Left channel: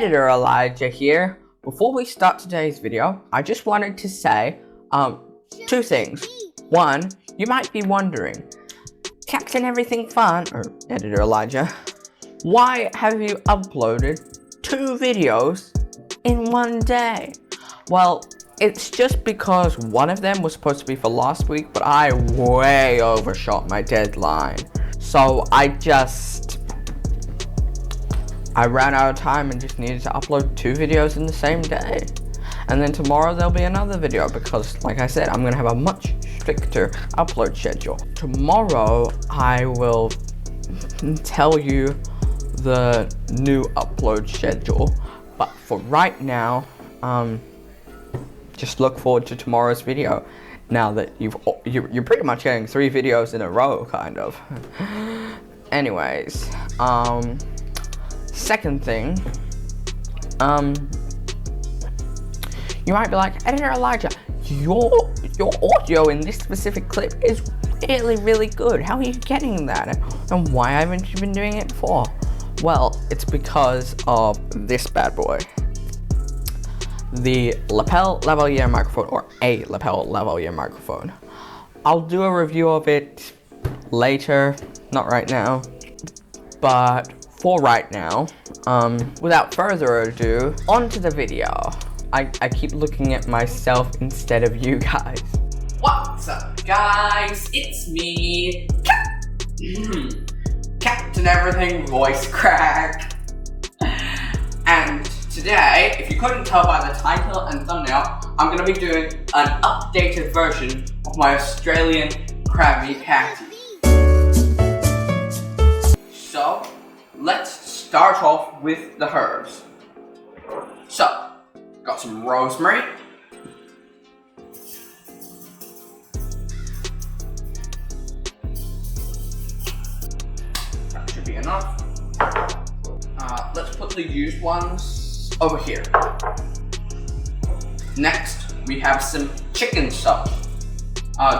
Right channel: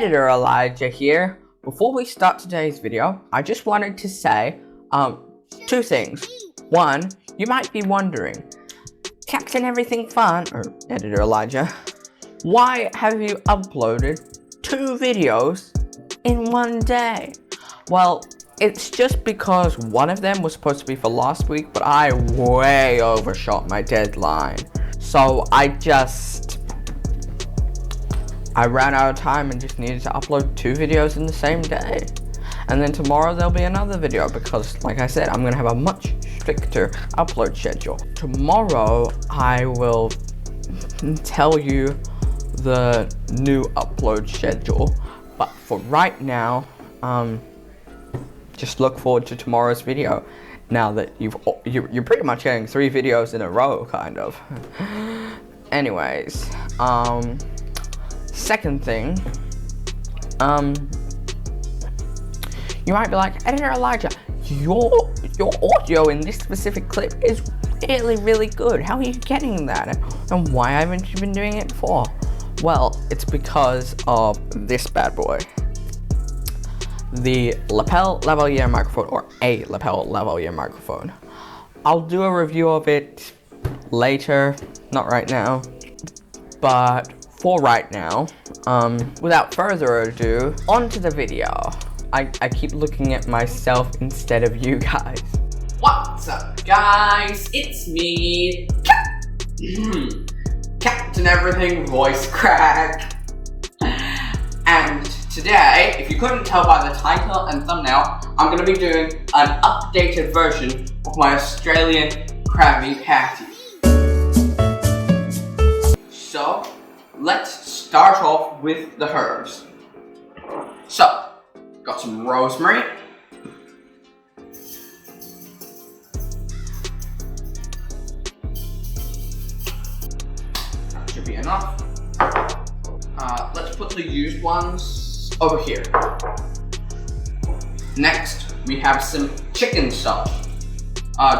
Editor Elijah here. Before we start today's video, I just wanted to say two things. One, you might be wondering, Captain Everything Fun, or Editor Elijah, why have you uploaded 2 videos in one day? Well, it's just because one of them was supposed to be for last week, but I way overshot my deadline. So I ran out of time and just needed to upload 2 videos in the same day. And then tomorrow there'll be another video because, like I said, I'm gonna have a much stricter upload schedule. Tomorrow I will tell you the new upload schedule, but for right now, just look forward to tomorrow's video. Now that you're pretty much getting 3 videos in a row, kind of. Anyways, second thing, you might be like, Editor Elijah, your audio in this specific clip is really good. How are you getting that? And why haven't you been doing it before? Well, it's because of this bad boy. The lapel lavalier microphone, or a lapel lavalier microphone. I'll do a review of it later, not right now, but for right now, without further ado, on to the video. I keep looking at myself instead of you guys. What's up, guys? It's me, Captain Everything voice crack. And today, if you couldn't tell by the title and thumbnail, I'm going to be doing an updated version of my Australian Crabby Patty. So, let's start off with the herbs. So, got some rosemary. That should be enough. Let's put the used ones over here. Next, we have some chicken salt.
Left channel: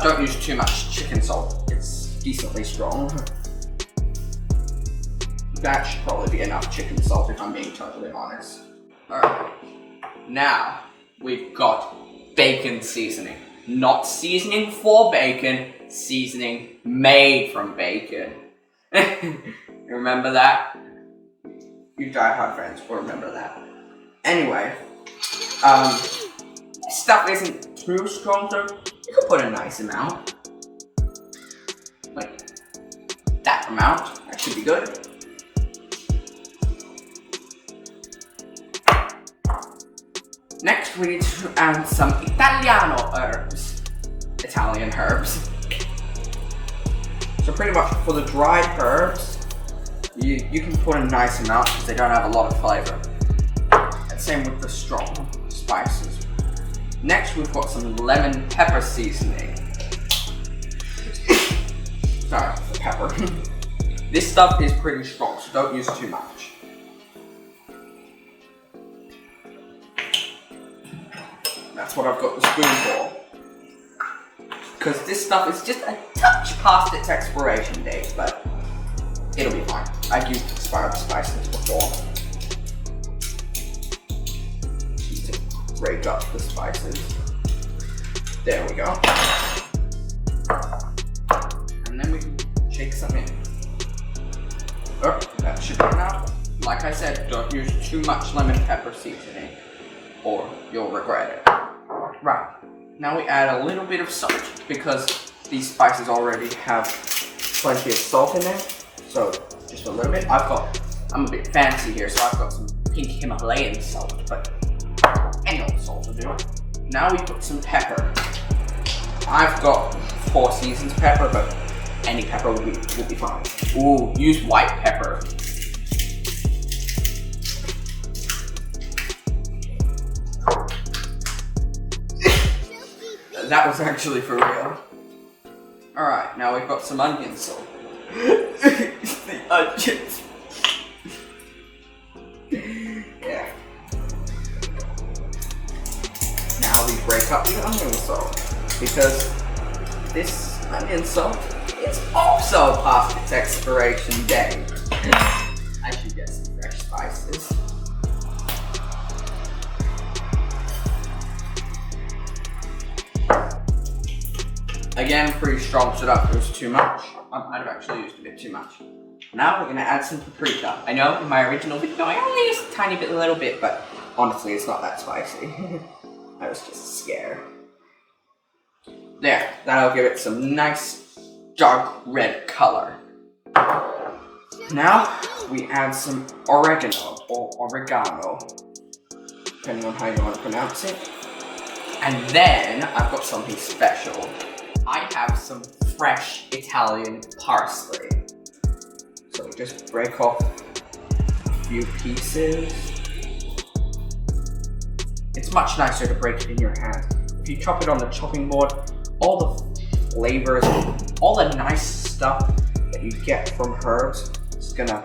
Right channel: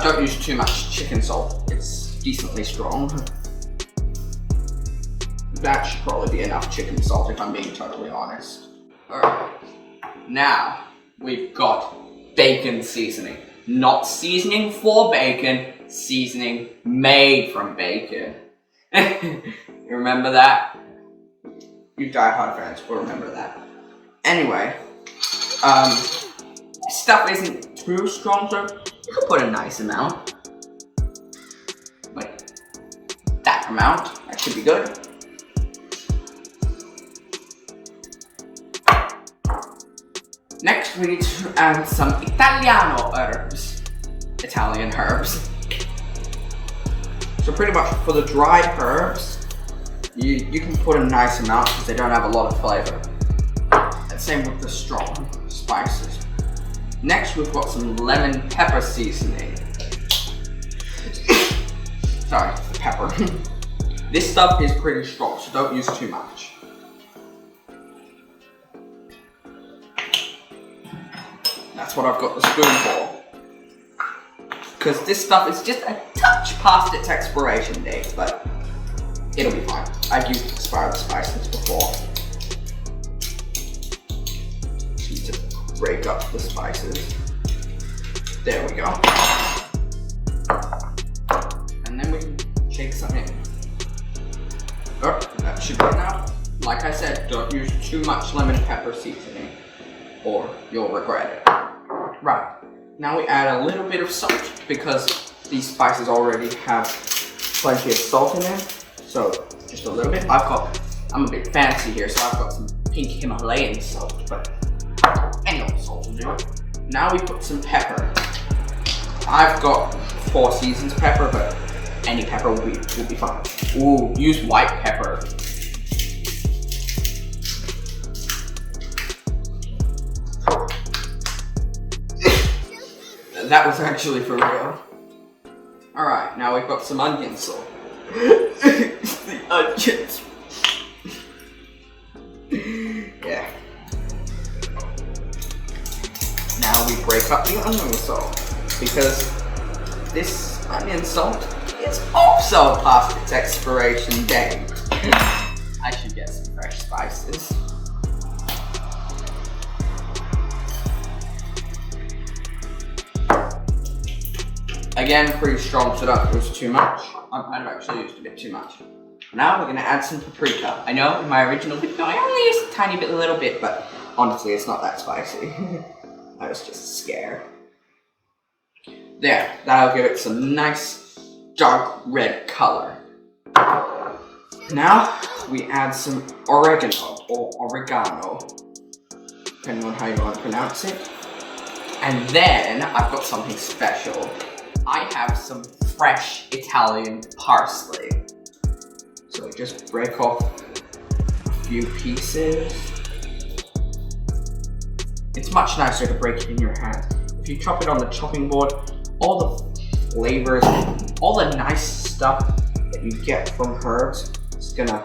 Don't use too much chicken salt. It's decently strong. That should probably be enough chicken salt if I'm being totally honest. Alright. Now, we've got bacon seasoning. Not seasoning for bacon, seasoning made from bacon. You remember that? You diehard fans will remember that. Anyway, stuff isn't too strong, so you can put a nice amount. Like that amount. That should be good. Next, we need to add some Italian herbs. So pretty much for the dried herbs, you can put a nice amount because they don't have a lot of flavor. And same with the strong spices. Next, we've got some lemon pepper seasoning. Sorry, the pepper. This stuff is pretty strong, so don't use too much. That's what I've got the spoon for. Because this stuff is just a touch past its expiration date, but it'll be fine. I've used expired spices before. Need to break up the spices. There we go. And then we can shake some in. Oh, that should be enough. Like I said, don't use too much lemon pepper seasoning or you'll regret it. Right, now we add a little bit of salt because these spices already have plenty of salt in them. So just a little bit. I'm a bit fancy here, so I've got some pink Himalayan salt, but any old salt will do. Now we put some pepper. I've got 4 Seasons pepper, but any pepper will be fine. Ooh, use white pepper. That was actually for real. Alright, now we've got some onion salt. The onions. Yeah. Now we break up the onion salt because this onion salt is also past its expiration date. I should get some fresh spices. Again, pretty strong, so that was too much. I might have actually used a bit too much. Now we're gonna add some paprika. I know in my original video I only used a tiny bit, a little bit, but honestly it's not that spicy. I was just scared. There, that'll give it some nice dark red color. Now we add some oregano or oregano, depending on how you want to pronounce it. And then I've got something special. I have some fresh Italian parsley. So we just break off a few pieces. It's much nicer to break it in your hand. If you chop it on the chopping board, all the flavors, all the nice stuff that you get from herbs is gonna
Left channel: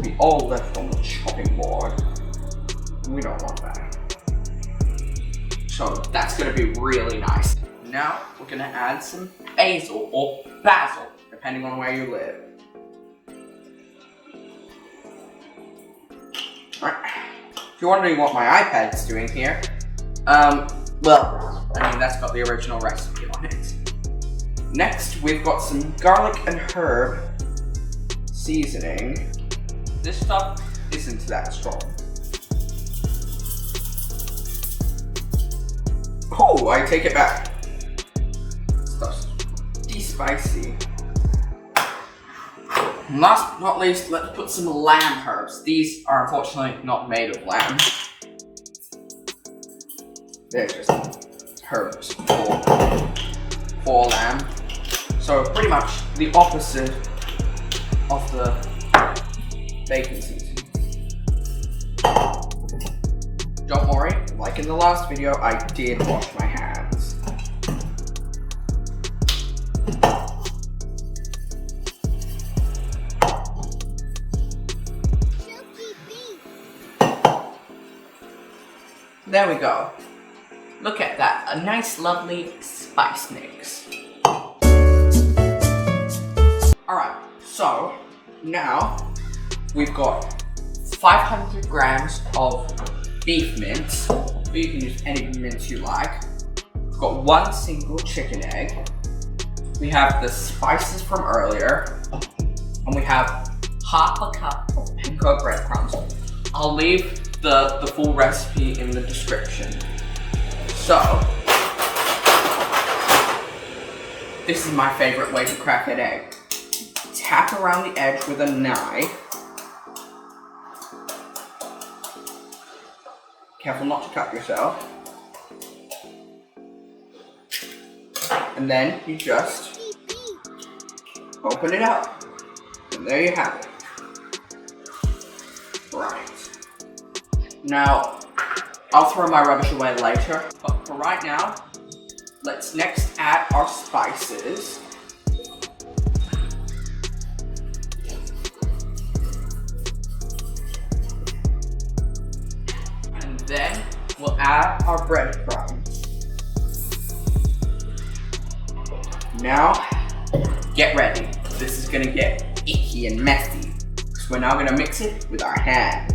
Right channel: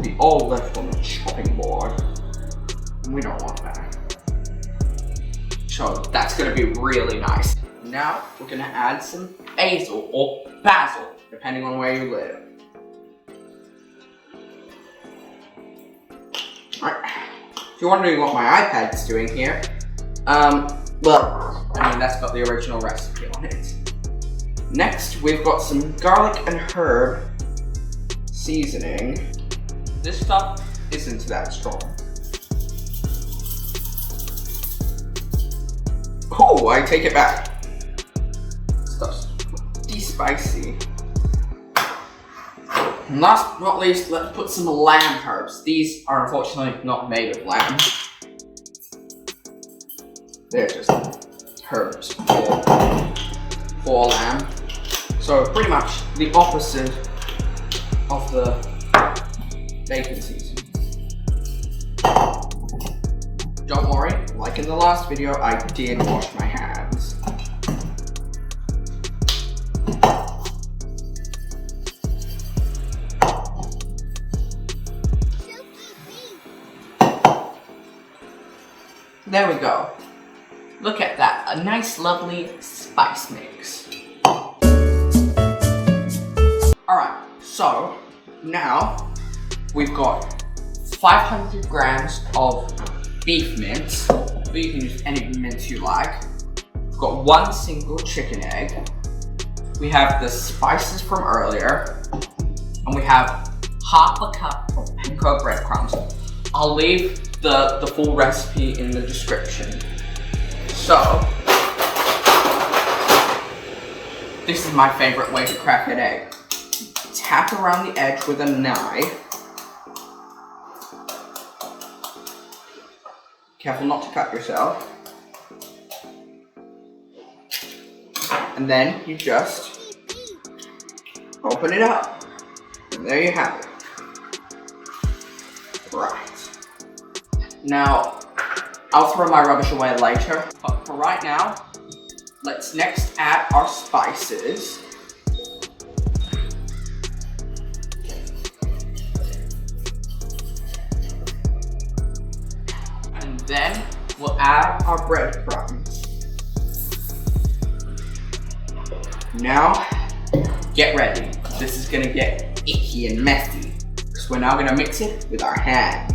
be all left on the chopping board. We don't want that. So that's gonna be really nice. Now we're gonna add some basil or basil, depending on where you live. Alright, if you're wondering what my iPad's doing here, well, I mean, that's got the original recipe on it. Next, we've got some garlic and herb seasoning. This stuff isn't that strong. Oh, I take it back. Stuff's pretty spicy. And last but not least, let's put some lamb herbs. These are unfortunately not made of lamb. They're just herbs for lamb. So pretty much the opposite of the bacon seasoning. Don't worry, like in the last video, I did wash my hands. There we go. Look at that, a nice lovely spice mix. Alright, so now we've got 500 grams of beef mince, but you can use any mince you like. We've got one single chicken egg. We have the spices from earlier, and we have half a cup of Panko breadcrumbs. I'll leave the full recipe in the description. So, this is my favorite way to crack an egg. Tap around the edge with a knife. Careful not to cut yourself. And then you just open it up. And there you have it. Right. Now, I'll throw my rubbish away later, but for right now, let's next add our spices. And then we'll add our breadcrumbs. Now, get ready. This is gonna get icky and messy, because we're now gonna mix it with our hands.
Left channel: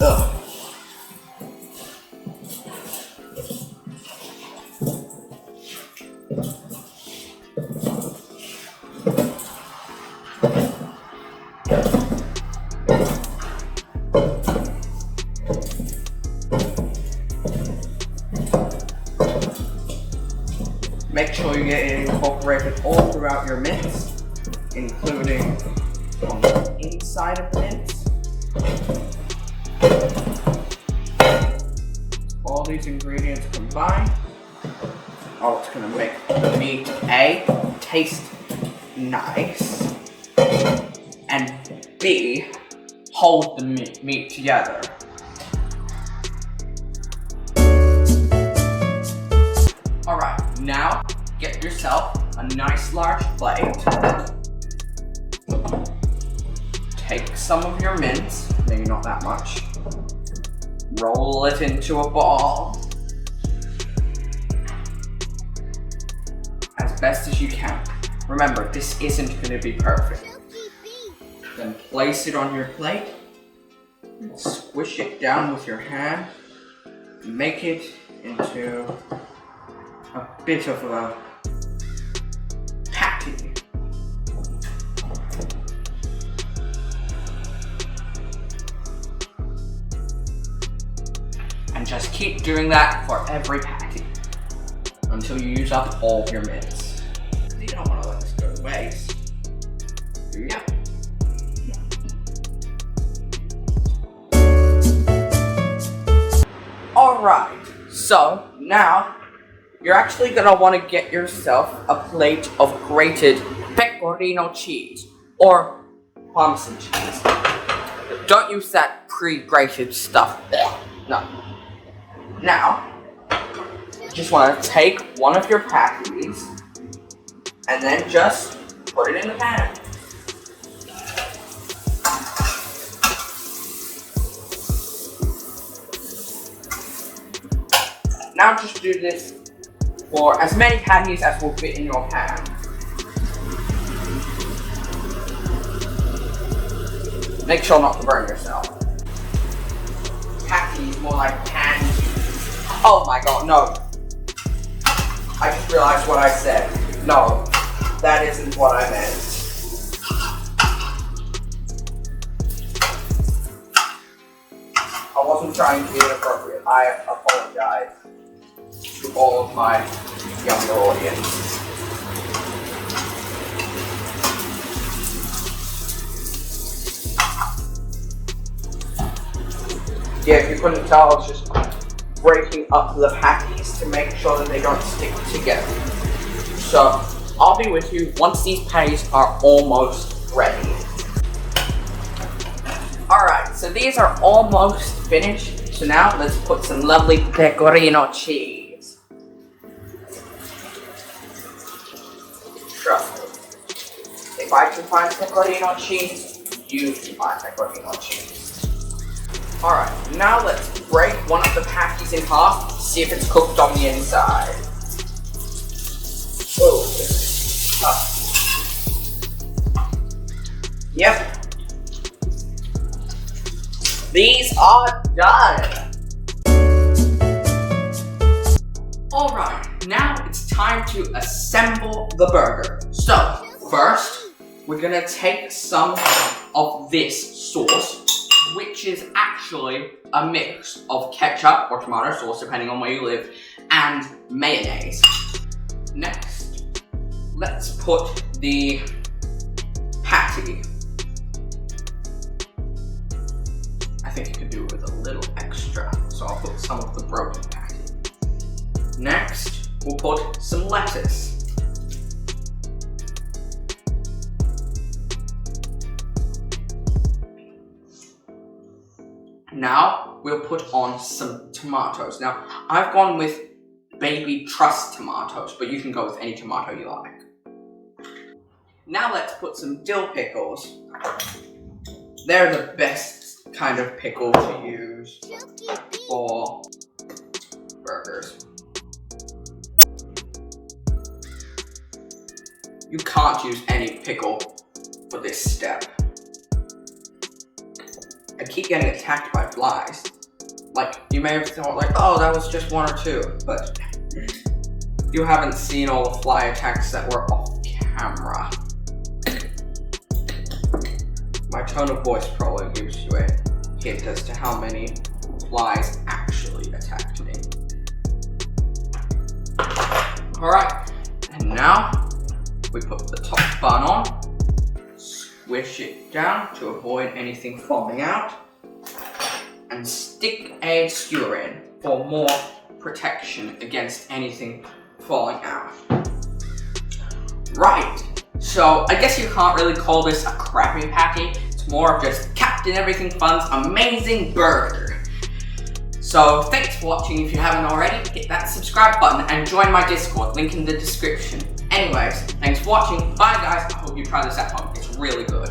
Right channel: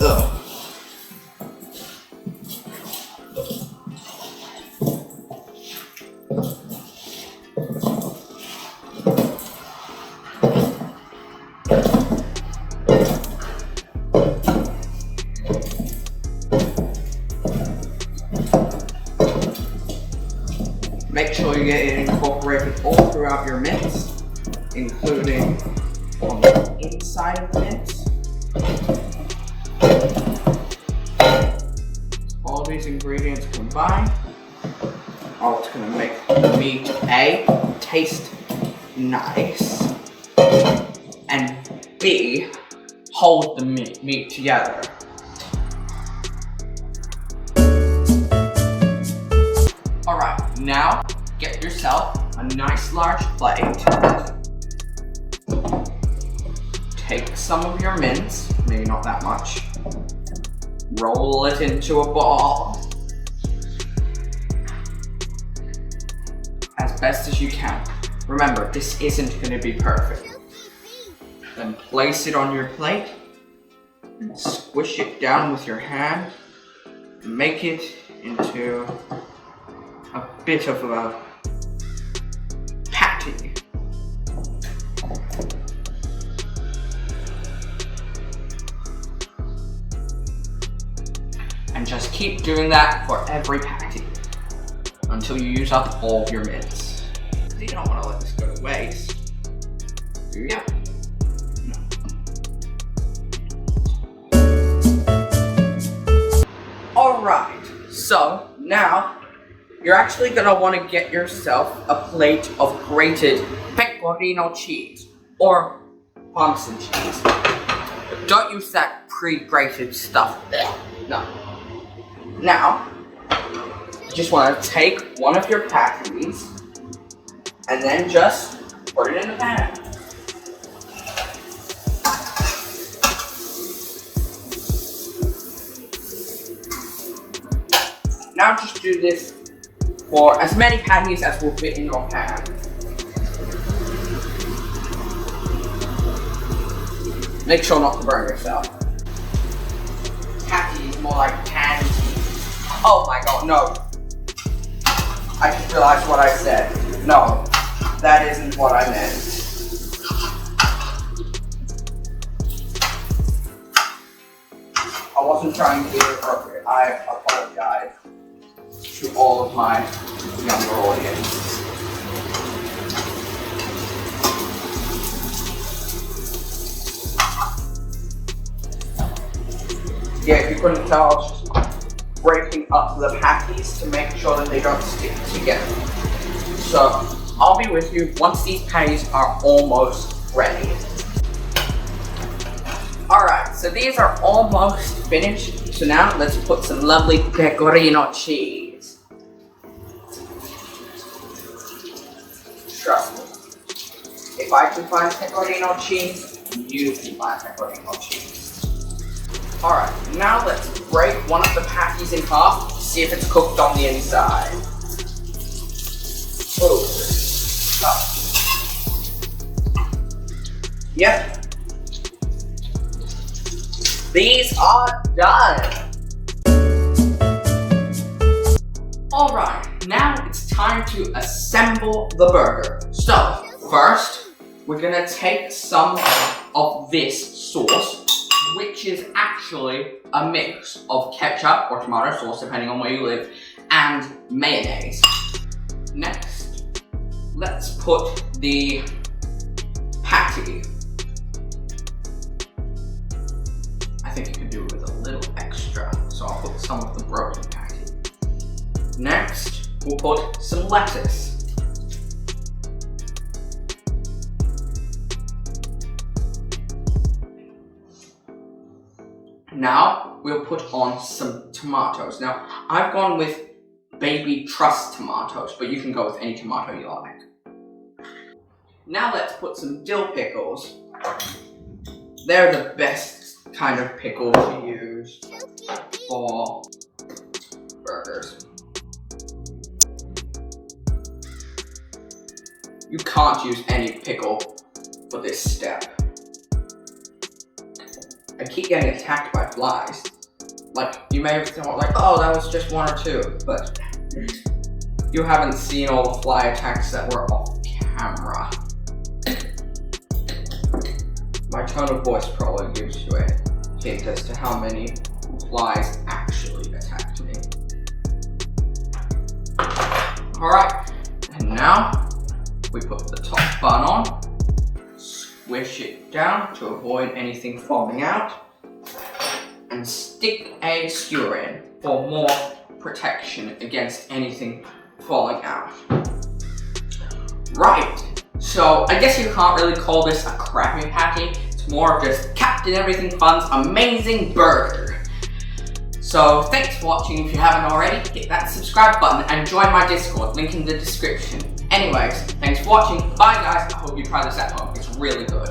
Ugh. Make sure you get it incorporated all throughout your mince, including on the inside of the mince. All these ingredients combined are what's going to make the meat A, taste nice, and B, hold the meat together. Alright, now get yourself a nice large plate. Take some of your mince, maybe not that much. Roll it into a ball as best as you can. Remember, this isn't going to be perfect. Then place it on your plate and squish it down with your hand. Make it into bit of a patty. And just keep doing that for every patty until you use up all of your mince. You don't want to let this go to waste. Here you go. Alright, so now you're actually gonna want to get yourself a plate of grated Pecorino cheese or Parmesan cheese. But don't use that pre-grated stuff there. No. Now, you just want to take one of your patties and then just put it in the pan. Now just do this for as many patties as will fit in your pan. Make sure not to burn yourself. Patty is more like patty. Oh my god, no. I just realized what I said. No, that isn't what I meant. I wasn't trying to be inappropriate. I apologize to all of my younger audience. Yeah, if you couldn't tell, I was just breaking up the patties to make sure that they don't stick together. So, I'll be with you once these patties are almost ready. Alright, so these are almost finished. So now, let's put some lovely Pecorino cheese. Trust me. If I can find Pecorino cheese, you can find Pecorino cheese. Alright, now let's break one of the patties in half, see if it's cooked on the inside. Oh, this is tough. Yep. These are done. Alright, now it's time to assemble the burger. So, first, we're gonna take some of this sauce, which is actually a mix of ketchup or tomato sauce, depending on where you live, and mayonnaise. Next, let's put the patty. I think you could do it with a little extra, so I'll put some of the broken patty. Next, we'll put some lettuce. Now, we'll put on some tomatoes. Now, I've gone with baby trust tomatoes, but you can go with any tomato you like. Now let's put some dill pickles. They're the best kind of pickle to use for burgers. You can't use any pickle for this step. I keep getting attacked by flies. Like, you may have thought like, oh, that was just one or two, but you haven't seen all the fly attacks that were off camera. My tone of voice probably gives you a hint as to how many flies actually attacked me. Alright, and now we put the top bun on. Squish it down to avoid anything falling out, and stick a skewer in for more protection against anything falling out. Right, so I guess you can't really call this a Krabby Patty, it's more of just Captain Everything Fun's amazing burger. So thanks for watching. If you haven't already, hit that subscribe button and join my Discord, link in the description. Anyways, thanks for watching. Bye guys. I hope you try this at home. It's really good.